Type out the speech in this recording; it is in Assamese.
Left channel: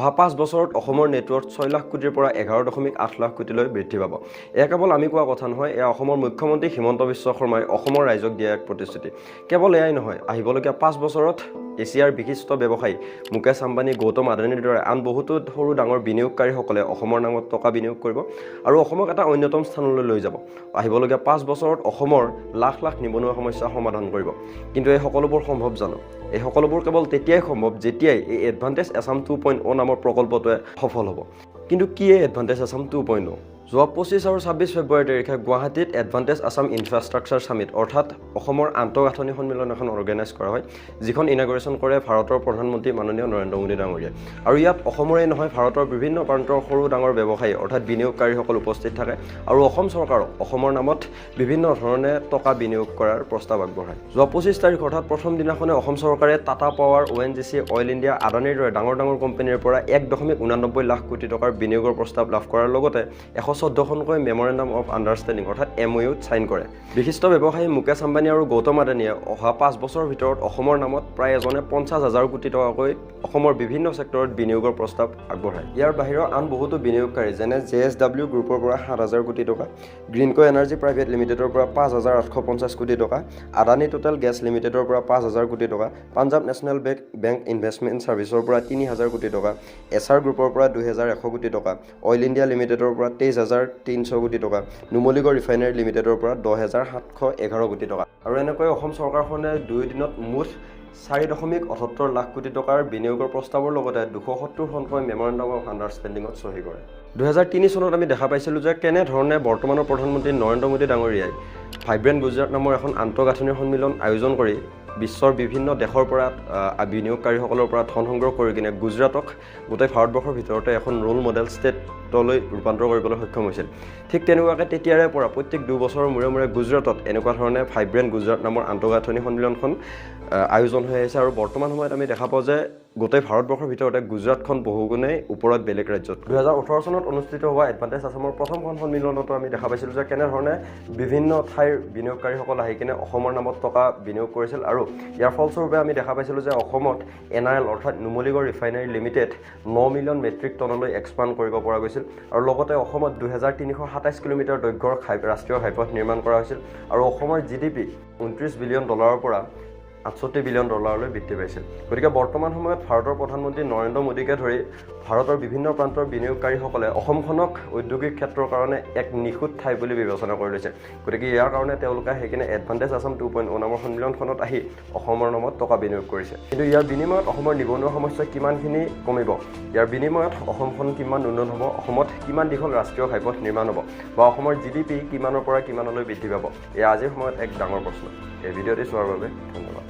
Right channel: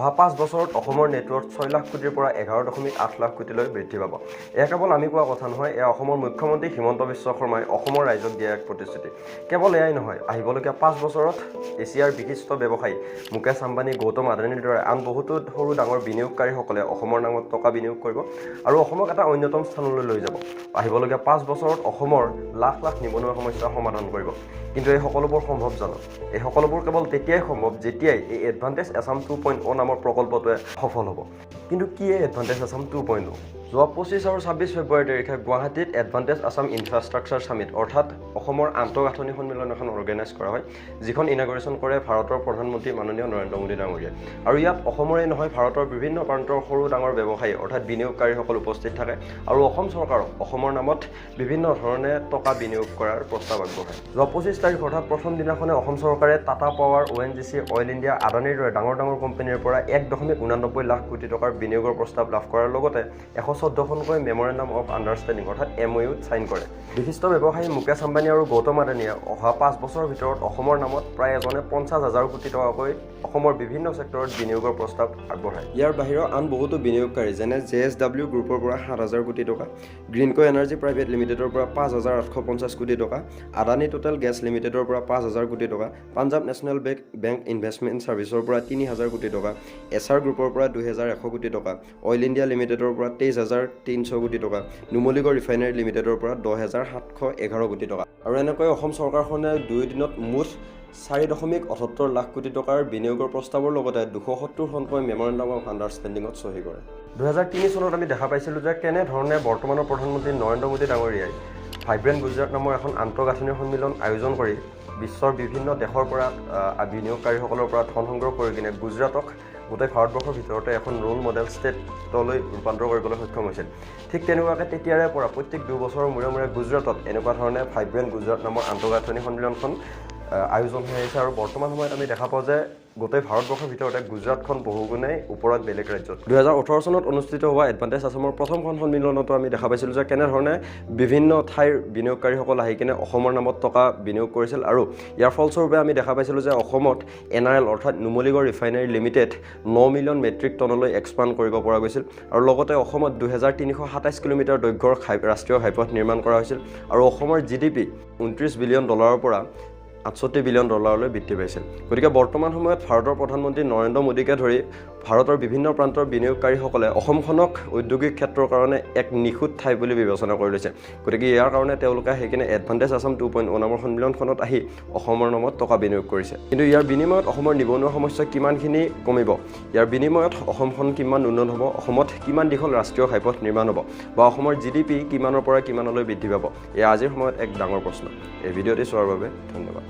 অহা 5 বছৰত অসমৰ নেটৱৰ্ক 6 লাখ কোটিৰ পৰা 11.8 লাখ কোটিলৈ বৃদ্ধি পাব। এয়া কেৱল আমি কোৱা কথা নহয়, এয়া অসমৰ মুখ্যমন্ত্ৰী হিমন্ত বিশ্ব শৰ্মাই অসমৰ ৰাইজক দিয়া এক প্ৰতিশ্ৰুতি। কেৱল এয়াই নহয়, আহিবলগীয়া 5 বছৰত এছিয়াৰ বিশিষ্ট ব্যৱসায়ী মুকেশ আম্বানী, গৌতম আদানীৰ দৰে আন বহুতো সৰু ডাঙৰ বিনিয়োগকাৰীসকলে অসমৰ নামত টকা বিনিয়োগ কৰিব আৰু অসমক এটা অন্যতম স্থানলৈ লৈ যাব। আহিবলগীয়া 5 বছৰত অসমৰ লাখ লাখ নিবনুৱা সমস্যা সমাধান কৰিব। কিন্তু এই সকলোবোৰ সম্ভৱ জানো? এই সকলোবোৰ কেৱল তেতিয়াই সম্ভৱ যেতিয়াই এই এডভান্টেজ আছাম 2.0 নামৰ প্ৰকল্পটোৱে সফল হ'ব। কিন্তু কি এই এডভান্টেজ আছাম 2.0? যোৱা 25 আৰু 26 ফেব্ৰুৱাৰী তাৰিখে গুৱাহাটীত এডভান্টেজ আছাম ইনফ্ৰাষ্ট্ৰাকচাৰ ছামিট অৰ্থাৎ অসমৰ আন্তঃগাঁথনি সন্মিলন এখন অৰ্গেনাইজ কৰা হয়, যিখন ইনাগুৰেশ্যন কৰে ভাৰতৰ প্ৰধানমন্ত্ৰী মাননীয় নৰেন্দ্ৰ মোদী ডাঙৰীয়াই। আৰু ইয়াত অসমৰেই নহয়, ভাৰতৰ বিভিন্ন প্ৰান্তৰ সৰু ডাঙৰ ব্যৱসায়ী অৰ্থাৎ বিনিয়োগকাৰীসকল উপস্থিত থাকে আৰু অসম চৰকাৰক অসমৰ নামত বিভিন্ন ধৰণে টকা বিনিয়োগ কৰাৰ প্ৰস্তাৱ আগবঢ়ায়। যোৱা 25 তাৰিখ অৰ্থাৎ প্ৰথম দিনাখনে অসম চৰকাৰে Tata power, ONGC, oil India, আদানীৰ দৰে ডাঙৰ ডাঙৰ কোম্পানীৰ পৰা 1.89 লাখ কোটি টকাৰ বিনিয়োগৰ প্ৰস্তাৱ লাভ কৰাৰ লগতে 114খনকৈ মেমৰেণ্ডাম অফ আণ্ডাৰষ্টেণ্ডিং অৰ্থাৎ MOUত ছাইন কৰে। বিশিষ্ট ব্যৱসায়ী মুকেশ আম্বানী আৰু গৌতম আদানীয়ে অহা 5 বছৰৰ ভিতৰত অসমৰ নামত প্ৰায় এজনে 50,000 কোটি টকাকৈ অসমৰ বিভিন্ন ছেক্টৰত বিনিয়োগৰ প্ৰস্তাৱ আগবঢ়ায়। ইয়াৰ বাহিৰেও আন বহুতো বিনিয়োগকাৰী যেনে JSW গ্ৰুপৰ পৰা 7,000 কোটি টকা, গ্ৰীণকো এনাৰ্জি প্ৰাইভেট লিমিটেডৰ পৰা 5,850 কোটি টকা, আদানী টোটেল গেছ লিমিটেডৰ পৰা 5,000 কোটি টকা, পাঞ্জাৱ নেশ্যনেল বেংক ইনভেষ্টমেণ্ট ছাৰ্ভিচৰ পৰা 3,000 কোটি টকা, SR গ্ৰুপৰ পৰা 2,100 কোটি টকা, অইল ইণ্ডিয়া লিমিটেডৰ পৰা 23,300 কোটি টকা, নুমলীগড় ৰিফাইনাৰী লিমিটেডৰ পৰা 10,711 কোটি টকা। আৰু এনেকৈ অসম চৰকাৰখনে 2 দিনত মুঠ 4.78 লাখ কোটি টকাৰ বিনিয়োগৰ প্ৰস্তাৱৰ লগতে 270খনকৈ মেমৰেণ্ডাম অফ আণ্ডাৰষ্টেণ্ডিঙত চহী কৰে। 2003 চনত আমি দেখা পাইছিলোঁ যে কেনেধৰণে বৰ্তমানৰ প্ৰধানমন্ত্ৰী নৰেন্দ্ৰ মোদী ডাঙৰীয়াই ভাইব্ৰেণ্ট গুজৰাট নামৰ এখন আন্তঃগাঁথনি সন্মিলন আয়োজন কৰি বিশ্বৰ বিভিন্ন দেশৰ পৰা বিনিয়োগকাৰীসকলৰ পৰা ধন সংগ্ৰহ কৰি কিনে গুজৰাটক গোটেই ভাৰতবৰ্ষৰ ভিতৰতে এখন ৰোল মডেল ষ্টেটলৈ ৰূপান্তৰ কৰিবলৈ সক্ষম হৈছিল। ঠিক তেনেকুৱাকৈ তেতিয়াৰে পৰা প্ৰত্যেক 2 বছৰৰ মূৰে মূৰে গুজৰাটত এনেকুৱা ধৰণে ভাইব্ৰেণ্ট গুজৰাট নামৰ আন্তঃগাঁথনি সন্মিলনখন আয়োজন হৈ আহিছে আৰু বৰ্তমান সময়ত আমি দেখা পাওঁ যে গোটেই ভাৰতবৰ্ষৰ ভিতৰতে গুজৰাটখন বহুগুণেই ওপৰত বেলেগ ৰাজ্যত। 2018 চনত অনুষ্ঠিত হোৱা এডভান্টেজ আছামৰ প্ৰথমখন সন্মিলনতো আমি দেখা পাইছিলোঁ যে কেনেধৰণে বিভিন্ন ঠাইৰ বিনিয়োগকাৰীসকল আহি কিনে অসমৰ নামত টকা বিনিয়োগ কৰিছিল আৰু ইয়াৰ ফলস্বৰূপে আমি দেখা পাইছিলোঁ যে অসমত NRL অৰ্থাৎ Numaligarh refinery limited 9 million metric টনলৈ এক্সপাণ্ড কৰিব পৰা গৈছিল আৰু লগতে অসমত 2,327 কিলোমিটাৰ দৈৰ্ঘ্যৰ ৰাষ্ট্ৰীয় ঘাইপথ নিৰ্মাণ কৰা হৈছিল আৰু অসমৰ GDP 29 বিলিয়ন ডলাৰৰ পৰা 68 বিলিয়ন ডলাৰলৈ বৃদ্ধি পাইছিল। গতিকে বৰ্তমান সময়ত ভাৰতৰ প্ৰধানমন্ত্ৰী নৰেন্দ্ৰ মোদীকে ধৰি ভাৰতৰ বিভিন্ন প্ৰান্তৰ বিনিয়োগকাৰীসকলে অসমখনক ঔদ্যোগিক ক্ষেত্ৰৰ কাৰণে এক নিখুঁত ঠাই বুলি বিবেচনা কৰি লৈছে। গতিকে ইয়াৰ কাৰণে তেওঁলোকে সেইকাৰণে এডভান্টেজ আছাম 2.0 নামৰ সন্মিলনখনত আহি অসমৰ নামত টকা বিনিয়োগ কৰিছে। কিন্তু ইয়াৰ বিনিময়ত অসমৰ নিবনুৱা সমস্যা কিমানখিনি কমিব, ইয়াৰ বিনিময়ত অসমখন কিমান উন্নত হ'ব, অসমত কিমান দীঘল ৰাষ্ট্ৰীয় ঘাইপথ নিৰ্মাণ হ'ব বা অসমৰ GDP কিমানৰ পৰা কিমানলৈ বৃদ্ধি পাব, এয়া আজিৰ সময়ত এক ডাঙৰ প্ৰশ্ন। এই ভিডিঅ'টি চোৱাৰ বাবে ধন্যবাদ।